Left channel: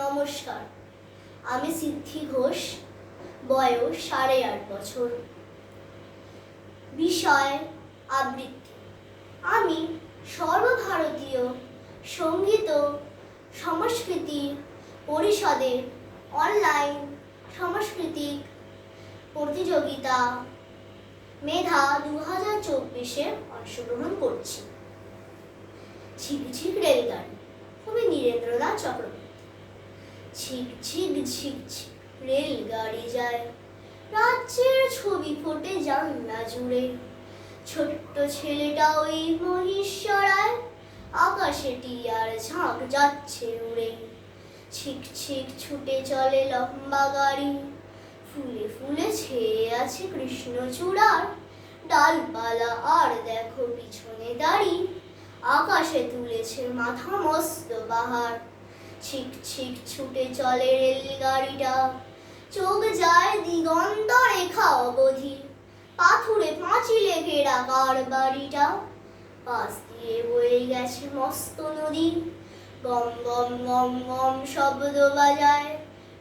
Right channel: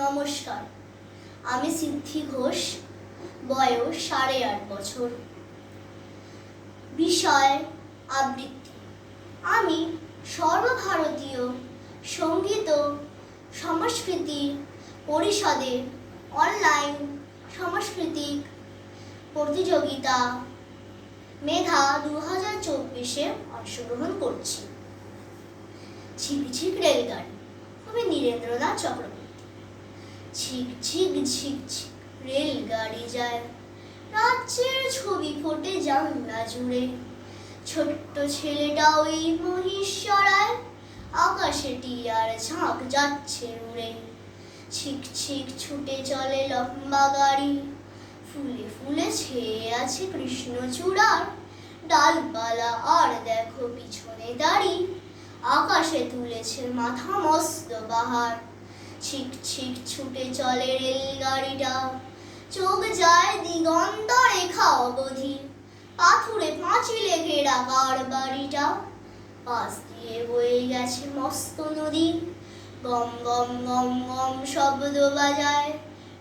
নমস্কার। আমি সিদ্ধি ঘোষ, বয়স সাড়ে আট বছর। বিষয়, আবৃত্তি। আমি সর্বভারতীয় সংগীত সংস্কৃতি পরিষদের অনলাইন সাংস্কৃতিক প্রতিযোগিতা মেধা দু হাজার চব্বিশে অংশগ্রহণ করছি। ঝিক ঝিক রেলগাড়ি কবি নীরেন্দ্রনাথ চক্রবর্তী। ঝিক ঝিক ঝিক ঝিক রেলগাড়ি যায়। রাজ্যের ছবি ফোটে জানলা জুড়ে। ছোট্ট ছেলেটা ওই মহিষরায় আকাশে টিয়ার ঝাঁক যাচ্ছে উড়ে। ছিক ছিক, ছুটে চলে লম্বা গাড়ি। ফুলে ফুলে ছেয়ে আছে কৃষ্ণচূড়ার ডালপালা আর দেখো পিছনে দাঁড়ি। আকাশে তুলেছে মাথা মস্ত পাহাড়। ছিক ছিক ছুটে চলে রেলগাড়িটা। চোখ যায় দিগন্ত রেখা অবধি। পাথুরে পাঁচিলে ঘেরা কার বাড়িটা। পাশ দিয়ে বয়ে গেছে মস্ত নদী। গম গম গম গম শব্দ বাজায়।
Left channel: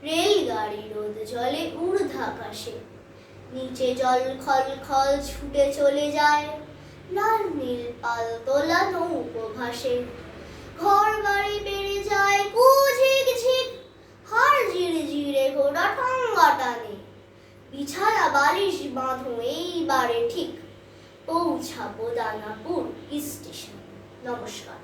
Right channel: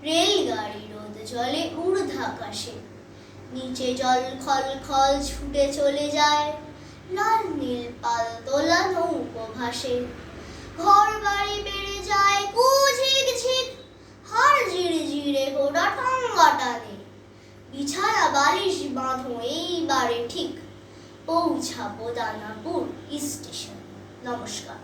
রেলগাড়ি রোদ জলে ঊর্ধ্বাকাশে। নিচে জল খল খল ছুটে চলে যায়। লাল নীল পাল তোলা নৌকো ভাসে ঘর বাড়ি বেড়ে যায় কুঝিক ঝিক হার জিরে জিরে ঘোড়া টঙ্গা টানে বিছানা বালিশ বাঁধো এইবারে ঠিক। পৌঁছাবো দানাপুর স্টেশন। নমস্কার।